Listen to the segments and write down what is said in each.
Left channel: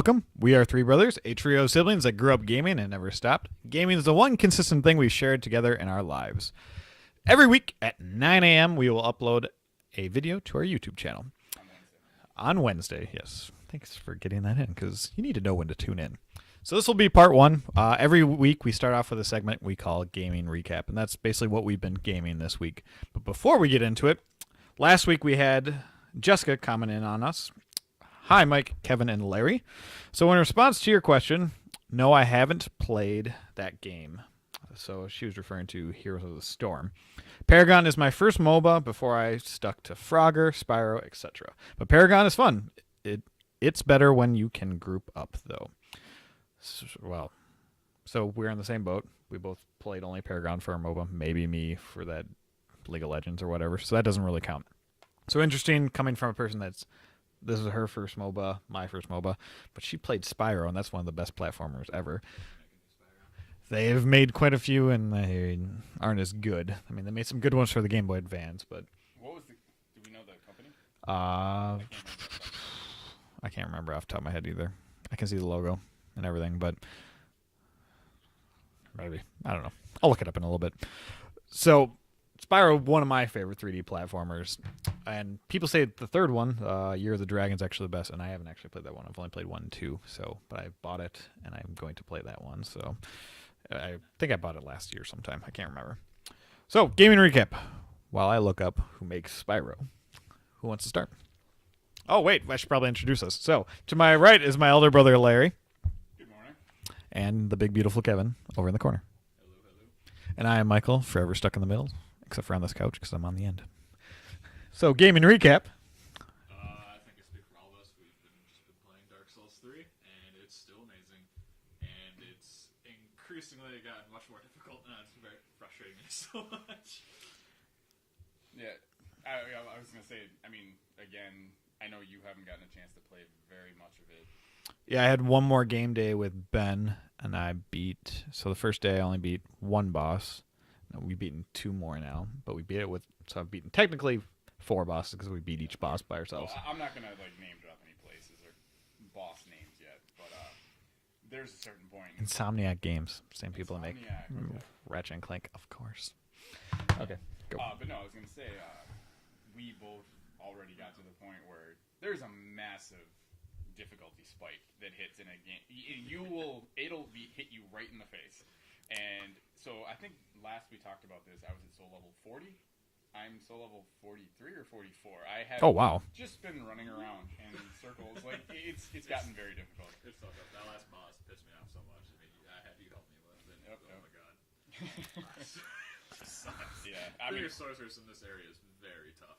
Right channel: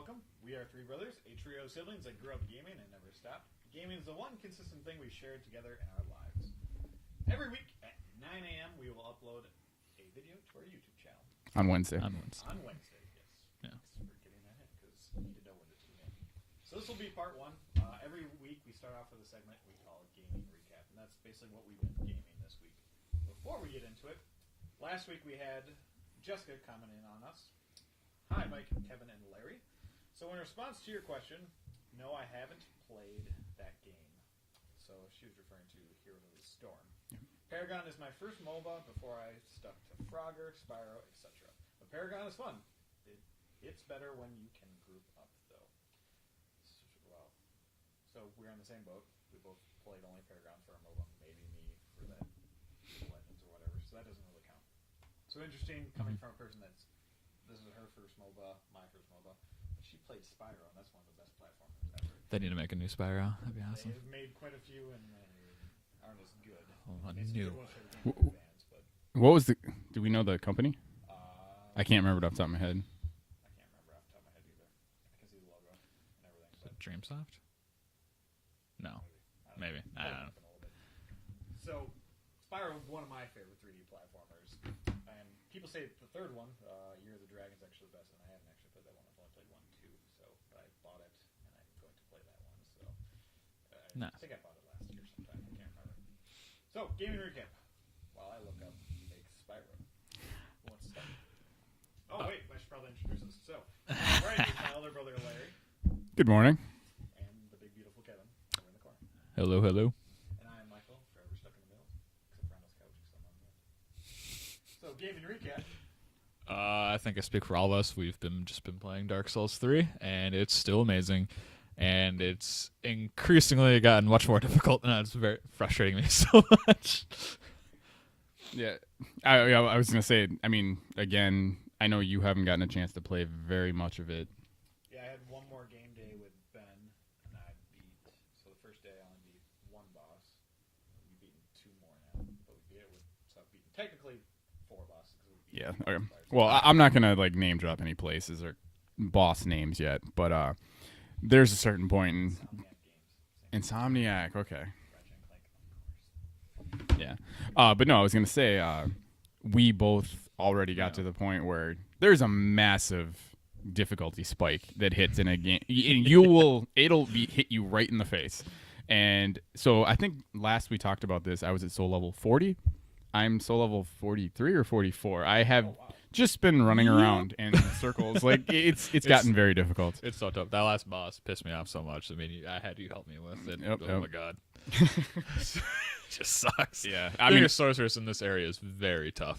welcome. We are three brothers, a trio of siblings that grew up gaming and never stopped. Gaming is the one consistent thing we've shared together in our lives. Every week at 9 a.m., we will upload a video to our YouTube channel. On Wednesday. On Wednesday, yes. Yeah. Thanks for getting that in, because you need to know when to tune in. So this will be part one. Every week we start off with a segment we call Gaming Recap, and that's basically what we've been gaming this week. But before we get into it, last week we had Jessica comment in on us. Hi, Mike, Kevin, and Larry. So in response to your question, no, I haven't played that game. So she was referring to Heroes of the Storm. Paragon is my first MOBA before I stuck to Frogger, Spyro, etc. But Paragon is fun. It's better when you can group up, though. So we're in the same boat. We both played only Paragon for our MOBA. Maybe me for that League of Legends or whatever. So that doesn't really count. So interesting coming from a person this is her first MOBA, my first MOBA, but she played Spyro, and that's one of the best platformers ever. They need to make a new Spyro. They've made quite a few, and they aren't as good. I mean, they made some good ones for the Game Boy Advance, but... What was do we know the company? I can't remember it off the top of my head. I can't remember off the top of my head either. I can see the logo and everything, but... DreamSoft? No. Maybe. I don't know. Maybe. I'll look it up in a little bit. So... Spyro, one of my favorite 3D platformers, and people say the third one, Year of the Dragon, is actually the best, and I haven't actually played that one. I've only played 1 and 2, but I bought it, and I'm going to play that one. So I think I bought it last year sometime. I can't remember. So, gaming recap. While I look up who makes Spyro, who wants to start? Oh, wait, I should probably introduce us. So, to my right is my elder brother, Larry. Good morning. And the big, beautiful Kevin over in the corner. Hello, hello. And I am Michael, forever stuck in the middle. Except for on this couch, because I'm on the end. So, gaming recap. I think I speak for all of us. We've just been playing Dark Souls 3, and it's still amazing. And it's increasingly gotten much more difficult, and it's very frustrating me so much. Yeah, I was going to say, I mean, again, I know you haven't gotten a chance to play very much of it. Yeah, I had one more game day with Ben, and I beat... So the first day I only beat one boss. We've beaten 2 more now, but we beat it with... So I've beaten technically 4 bosses because we beat each boss by ourselves. Well, I'm not going to like name drop any places or boss names yet, but there's a certain point in... Insomniac Games. Same people. Insomniac, okay. Ratchet and Clank, of course. Yeah. But no, I was going to say, we both already got to the point where there's a massive difficulty spike that hits in a game. It'll hit you right in the face. And so I think last we talked about this, I was at soul level 40. I'm soul level 43 or 44. I have just been running around in circles. Like it's gotten very difficult. It's so tough. That last boss pissed me off so much. I mean, I had you help me with it. Yep, oh my god. It just sucks. Yeah. I mean, sorceress in this area is very tough.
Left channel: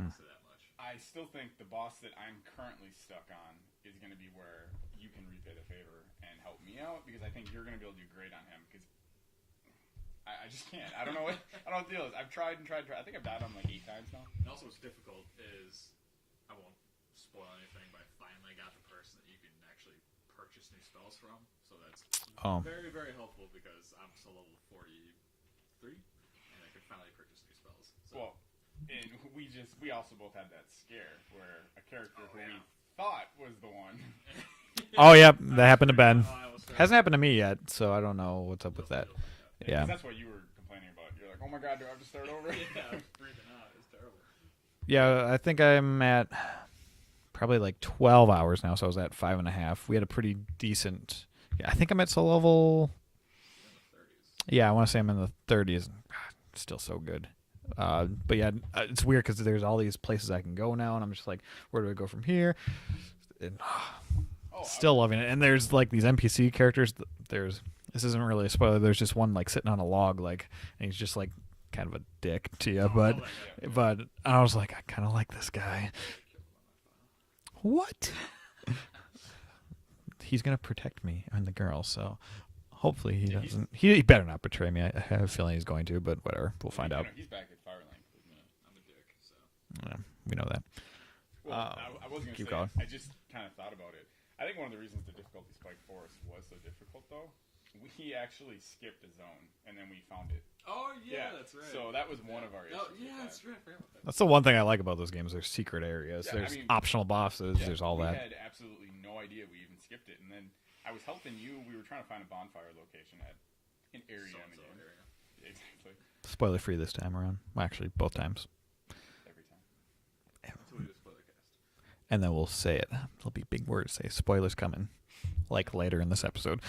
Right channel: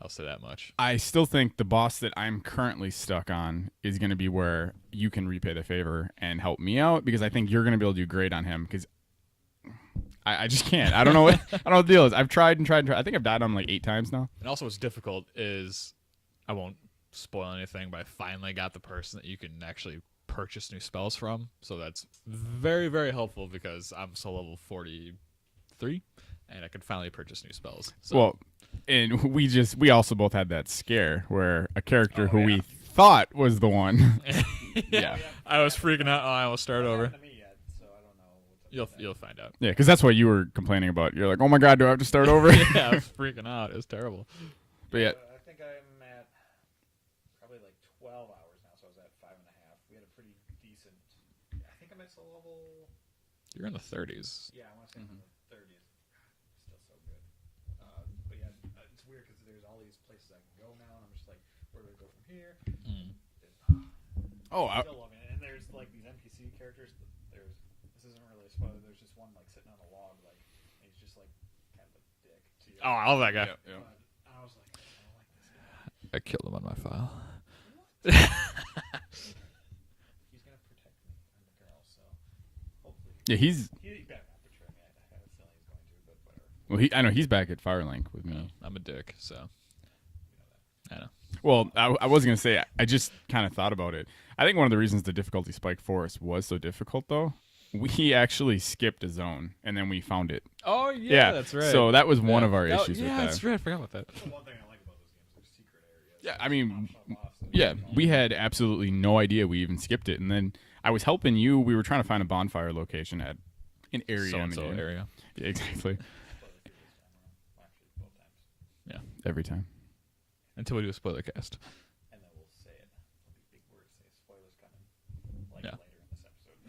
I'll say that much. I still think the boss that I'm currently stuck on is going to be where you can repay the favor and help me out, because I think you're going to be able to do great on him, because I just can't. I don't know what the deal is. I've tried and tried and tried. I think I've died on him like 8 times now. And also what's difficult is, I won't spoil anything, but I finally got the person that you can actually purchase new spells from. So that's very, very helpful, because I'm soul level 43 and I can finally purchase new spells. So. Well, and we also both had that scare where a character who we thought was the one. Oh, yep. That happened to Ben. Hasn't happened to me yet, so I don't know what's up with that. You'll find out. Yeah, because that's what you were complaining about. You're like, oh my god, do I have to start over? Yeah, I was freaking out. It was terrible. Yeah, I think I'm at probably like 12 hours now, so I was at 5.5. We had a pretty decent... Yeah, I think I'm at soul level... You're in the 30s. Yeah, I want to say I'm in the 30s. God, still so good. But yeah, it's weird because there's all these places I can go now, and I'm just like, where do I go from here? And, still loving it. And there's like these NPC characters. This isn't really a spoiler. There's just one like sitting on a log, like, and he's just like kind of a dick to you. I love that guy. But I was like, I kind of like this guy. I killed him on my file. What? He's gonna protect me and the girl, so. Hopefully, he better not betray me. I have a feeling he's going to, but whatever. I know he's back at Firelink with me. I'm a dick, so we know that. Yeah. Well, I was going to say, I just kind of thought about it. I think one of the reasons the difficulty spike for us was so difficult, though, we actually skipped a zone, and then we found it Oh yeah, that's right. So that was one of our issues with yeah, that. that's right. I forgot about that. That's the one thing I like about those games. There's secret areas. Yeah, There's I mean, optional bosses. Yeah, there's all we that. had absolutely no idea we even skipped it, and then I was helping you. We were trying to find a bonfire location at an area in the So-and-so game. area. Yeah, exactly. Spoiler free this time around. Well, actually, both times. Yeah. Every time. Until we do a spoiler cast. And then we'll say it. There'll be big words. Say spoilers coming, later in this episode.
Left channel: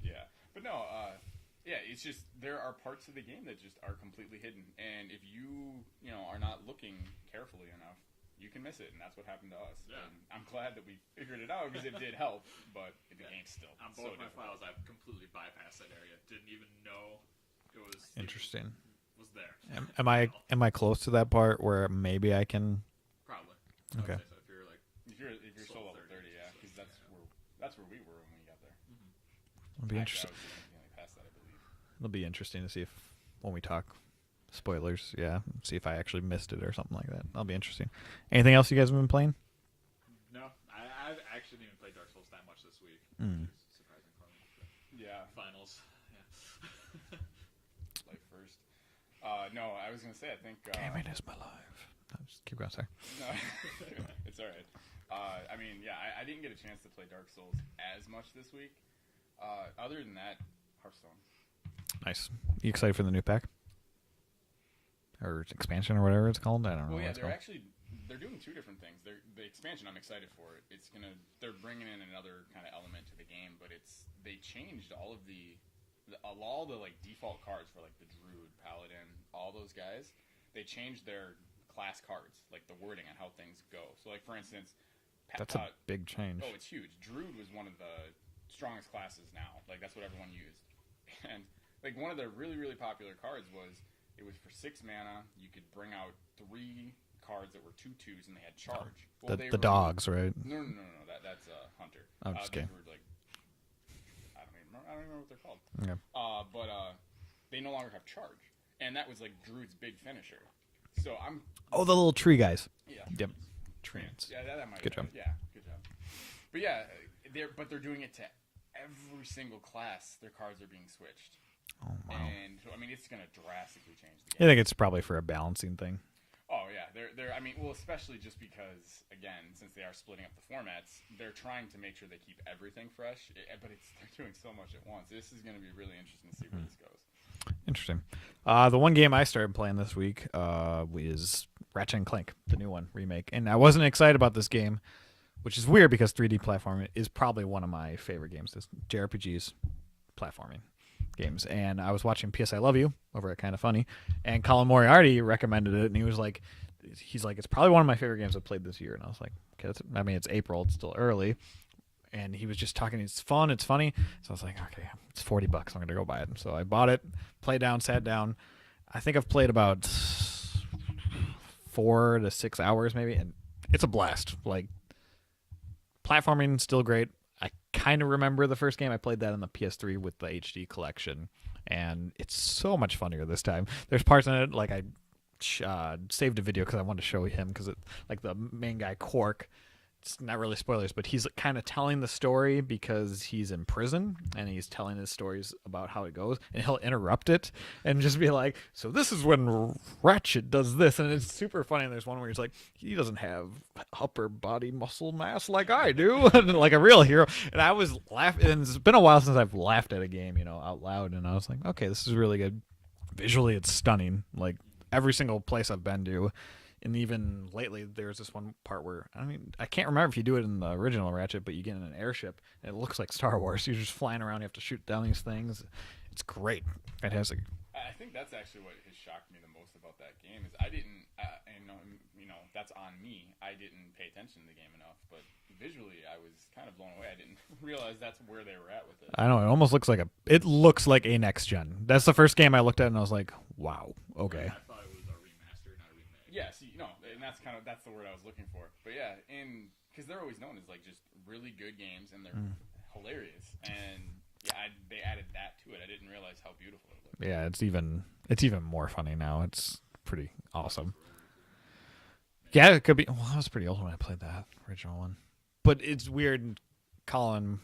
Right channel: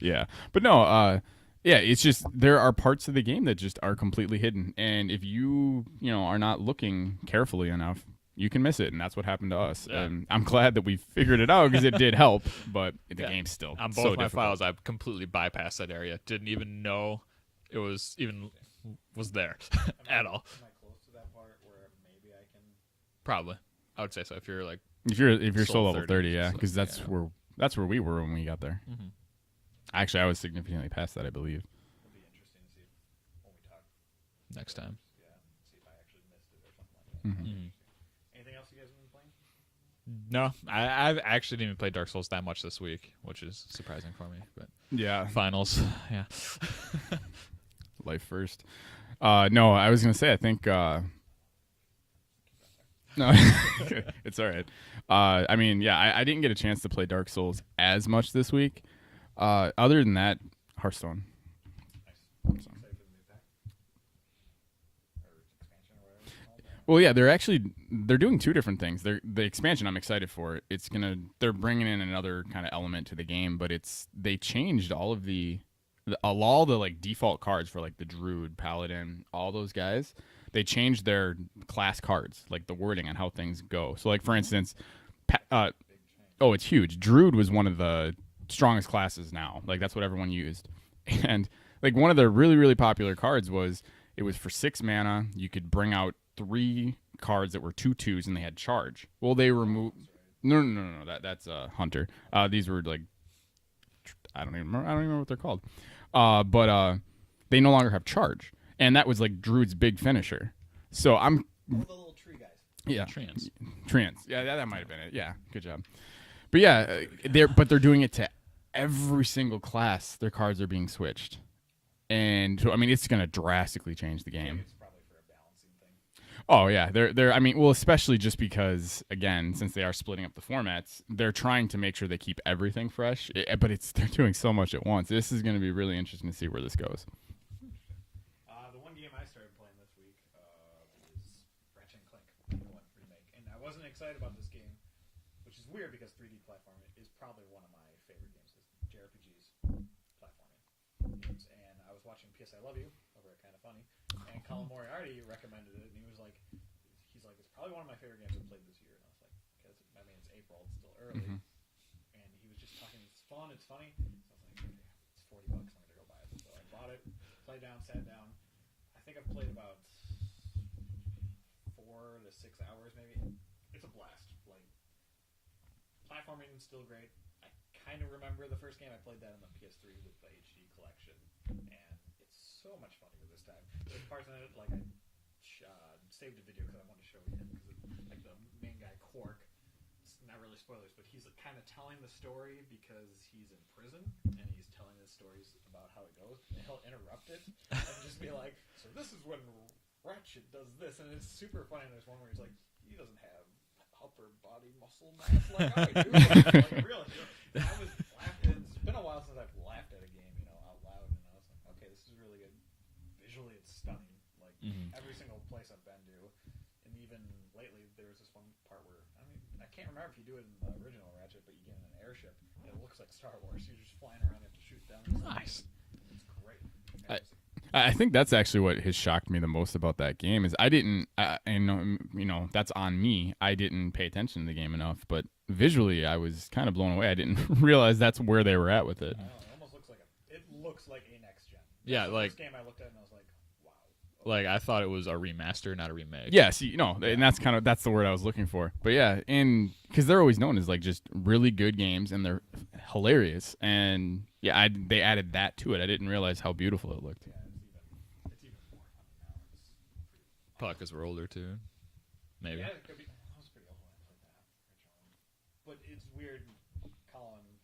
Yeah, but no. Yeah, it's just there are parts of the game that just are completely hidden, and if you are not looking carefully enough, you can miss it, and that's what happened to us. Yeah. And I'm glad that we figured it out because it did help, but the game's still On both so my difficult. files, I completely bypassed that area. Didn't even know it was even was there. Am at I all. am I close to that part where maybe I can? Probably. I would Okay. say so. If you're like, If you're Soul level 30, yeah, so- because that's where we were when we got there. It'll be Actually, I was significantly past that, I believe. It'll be interesting to see if when we talk Next time. spoilers, see if I actually missed it or something like that. That'll be Mhm. interesting. Anything else you guys have been playing? no, I've actually didn't even play Dark Souls that much this week, which Mm. is surprising for me. But Yeah, finals, yeah. life first. No, I was gonna say I think Gaming is my life. No, just keep going. Sorry. no, it's all right. I mean, yeah, I didn't get a chance to play Dark Souls as much this week. Other than that, Hearthstone. Nice. You excited for the new pack? Or expansion or whatever it's called? I don't know. Well, yeah, they're doing two different things. The expansion I'm excited for. They're bringing in another kind of element to the game, but they changed all of all the like default cards for like the Druid, Paladin, all those guys. They changed their class cards, like the wording on how things go. So like for instance, That's a big change. oh, it's huge. Druid was one of the strongest classes now. Like that's what everyone used. And like one of the really, really popular cards was for 6 mana. You could bring out 3 cards that were 2/2s and they had charge. Well, the were dogs, right? No. That's Hunter. Oh, These were like I don't even remember what they're called. Okay. But they no longer have charge, and that was like Druid's big finisher. So I'm Oh, the little tree guys. yeah, Treants. Treants. Yeah, that might have Good been job. it. Yeah, good job. But yeah, they're doing it to every single class. Their cards are being switched, and so I mean it's going to drastically change the game. I think it's probably for a balancing thing. Oh yeah, they're. I mean, well, especially just because again, since they are splitting up the formats, they're trying to make sure they keep everything fresh. But they're doing so much at once. This is going to be really interesting to see where this goes. Interesting. The one game I started playing this week is Ratchet and Clank, the new one remake, and I wasn't excited about this game, which is weird because 3D platforming is probably one of my favorite games. This JRPGs, platforming games, and I was watching PS I Love You over at Kinda Funny, and Colin Moriarty recommended it, and he's like, it's probably one of my favorite games I've played this year, and I was like, okay, it's April, it's still early. And he was just talking, it's fun, it's funny. So I was like, okay, it's $40. I'm going to go buy it. And so I bought it, played down, sat down. I think I've played about 4 to 6 hours maybe. And it's a blast. Like, platforming, still great. I kind of remember the first game. I played that on the PS3 with the HD collection. And it's so much funnier this time. There's parts in it, like I saved a video because I wanted to show him because like the main guy, Quark, it's not really spoilers, but he's kind of telling the story because he's in prison and he's telling his stories about how it goes, and he'll interrupt it and just be like, so this is when Ratchet does this, and it's super funny. And there's one where he's like, he doesn't have upper body muscle mass like I do, and like a real hero. And I was laughing, and it's been a while since I've laughed at a game, out loud, and I was like, okay, this is really good. Visually, it's stunning. Like every single place I've been to. And even lately, there's this one part where, I can't remember if you do it in the original Ratchet, but you get in an airship, and it looks like Star Wars. You're just flying around, you have to shoot down these things. It's great. Fantastic. I think that's actually what has shocked me the most about that game is I didn't, and that's on me. I didn't pay attention to the game enough, but visually I was kind of blown away. I didn't realize that's where they were at with it. I know, it almost looks like a next gen. That's the first game I looked at, and I was like, wow. Okay. Like I thought it was a remaster, not a remake. Yeah, see, and that's the word I was looking for. But yeah, and because they're always known as like just really good games, and they're hilarious. And yeah, they added that to it. I didn't realize how beautiful it looked. Yeah, it's even more funny now. It's pretty awesome. Because we're older too. Maybe. Yeah, it could be. Well, I was pretty old when I played that original one. But it's weird. Colin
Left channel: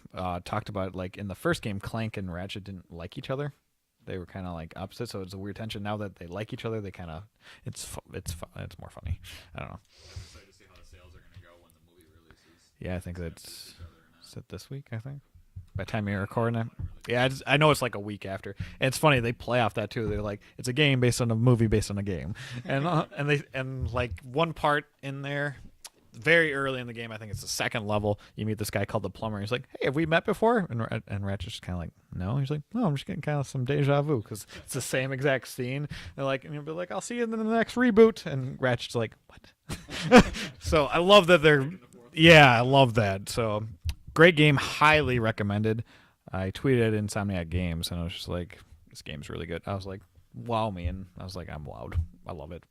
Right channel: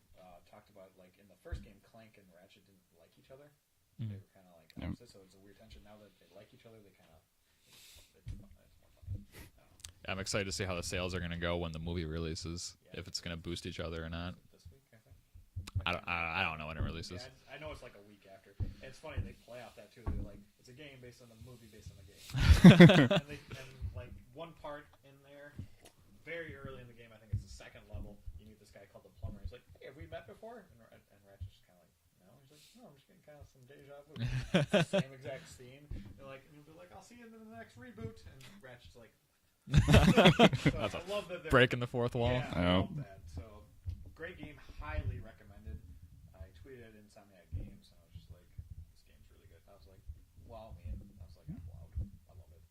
talked about like in the first game, Clank and Ratchet didn't like each other. They were kind of like opposites, so it's a weird tension. Now that they like each other, they kind of it's more funny. I don't know. I'm excited to see how the sales are going to go when the movie releases. Yeah, I if think it's going to it's- boost each other or not. Is it this week? I think. By the I time don't- you're I recording don't it. know when it releases. Yeah, I know it's like a week after. And it's funny they play off that too. They're like, it's a game based on a movie based on a game, and like one part in there, very early in the game, I think it's the second level. You meet this guy called the plumber. He's like, "Hey, have we met before?" And Ratchet's just kind of like, "No." He's like, "No, I'm just getting kind of some deja vu because it's the same exact scene." They're like, and you'll be like, "I'll see you in the next reboot." And Ratchet's like, "What?" So I love that they're Breaking the fourth wall. Yeah, I love that. So great game, highly recommended. I tweeted at Insomniac Games, and I was just like, "This game's really good." I was like, "Wow me," and I was like, "I'm wowed. I love it."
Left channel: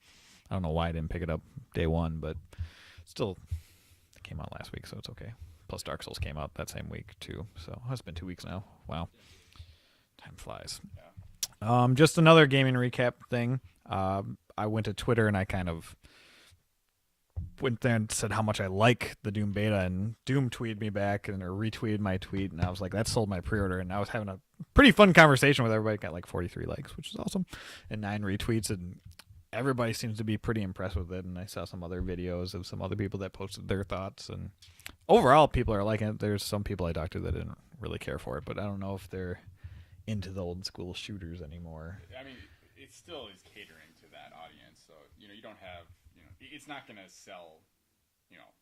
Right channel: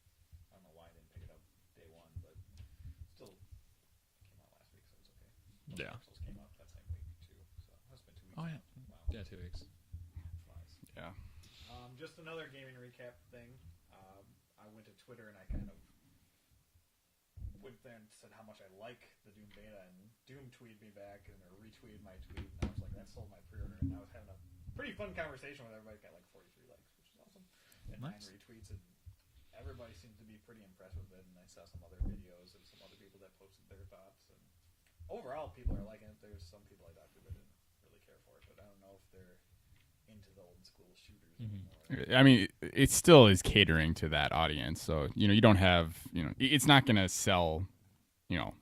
I don't know why I didn't pick it up day one, but still, it came out last week, so it's okay. Plus, Yeah. Dark Souls came out that same week too. So it's been 2 weeks now. Wow, Yeah, 2 weeks. time flies. Yeah. Just another gaming recap thing. I went to Twitter and I kind of went there and said how much I like the Doom beta, and Doom tweeted me back and or retweeted my tweet, and I was like, that sold my pre-order. And I was having a pretty fun conversation with everybody. Got like 43 likes, which is awesome, and 9 retweets, and everybody seems to be pretty impressed with it. And I saw some other videos of some other people that posted their thoughts, and overall people are liking it. There's some people I talked to that didn't really care for it, but I don't know if they're into the old school shooters anymore. I mean, it still is catering to that audience. So, you don't have, it's not going to sell,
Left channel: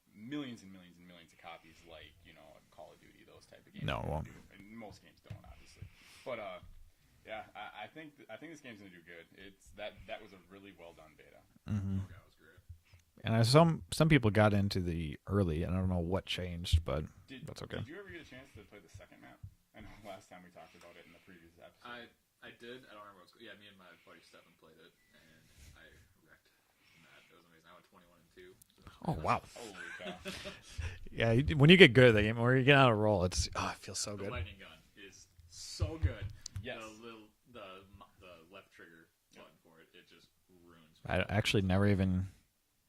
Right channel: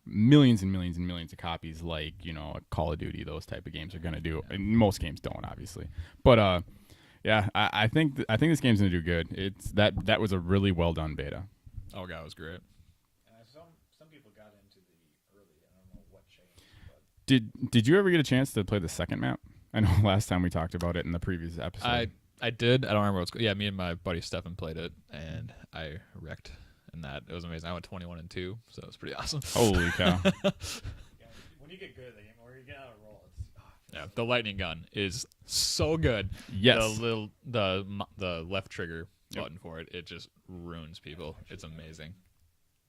millions and millions and millions of copies like, a Call of Duty, those type of games are going to do. And most games don't, obviously. But, yeah, I think this game's going to do good. It's that was a really well done beta. Mm-hmm. Oh, God, it was great. And some people got into the early, and I don't know what changed, but Did that's okay. Did you ever get a chance to play the second map? I know last time we talked about it in the previous episode. I did. I don't remember what's. Yeah, me and my buddy Stefan played it, and I wrecked in that. It was amazing. I went 21-2, so it was pretty awesome. Holy cow. Yeah, when you get good at the game, or you get on a roll, it feels so The good. lightning gun is so good. Yes. The left trigger button for it, it just ruins people. I actually It's never amazing. even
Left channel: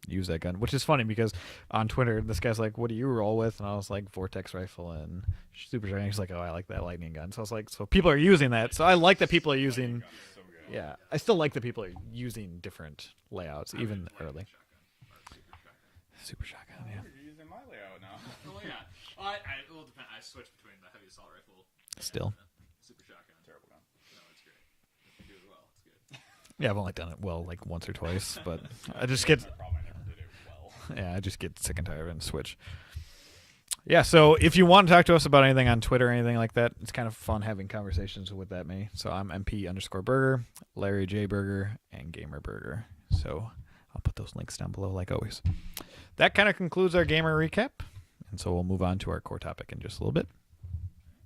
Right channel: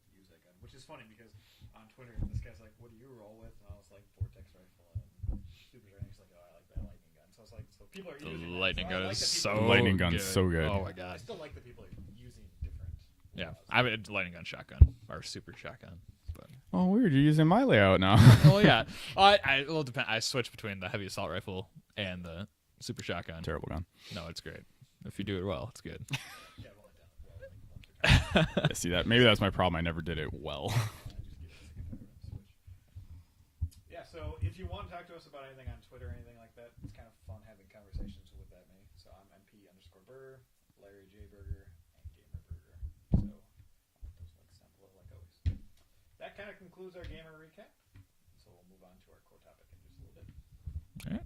use that gun, which is funny because on Twitter, this guy's like, "What do you roll with?" And I was like, "Vortex rifle and super shotgun." He's like, "Oh, I like that lightning gun." So I was like, "So people are using that." So I Lightning gun like is that people are so using. Lightning gun's so good. Oh Yeah, my God. I still like that people are using different Yeah. layouts. I mean, even lightning early. gun shotgun or super shotgun. Super shotgun. Oh, yeah. weird. You're using my layout now. Oh yeah. Well, depend. I switch between the heavy assault rifle and Still. the super shotgun. Terrible gun. No, it's great. If you do it well, it's good. Yeah, I've only done it well like once or twice, but See, I that, just maybe get- that's my problem. I never did it well. Yeah, I just get sick and tired of it and switch. Yeah, so if you want to talk to us about anything on Twitter or anything like that, it's kind of fun having conversations with that me. So I'm MP_Burger, Larry J Burger, and Gamer Burger. So I'll put those links down below like always. That kind of concludes our gamer recap. And so we'll move on to our core topic in just a little bit. All right.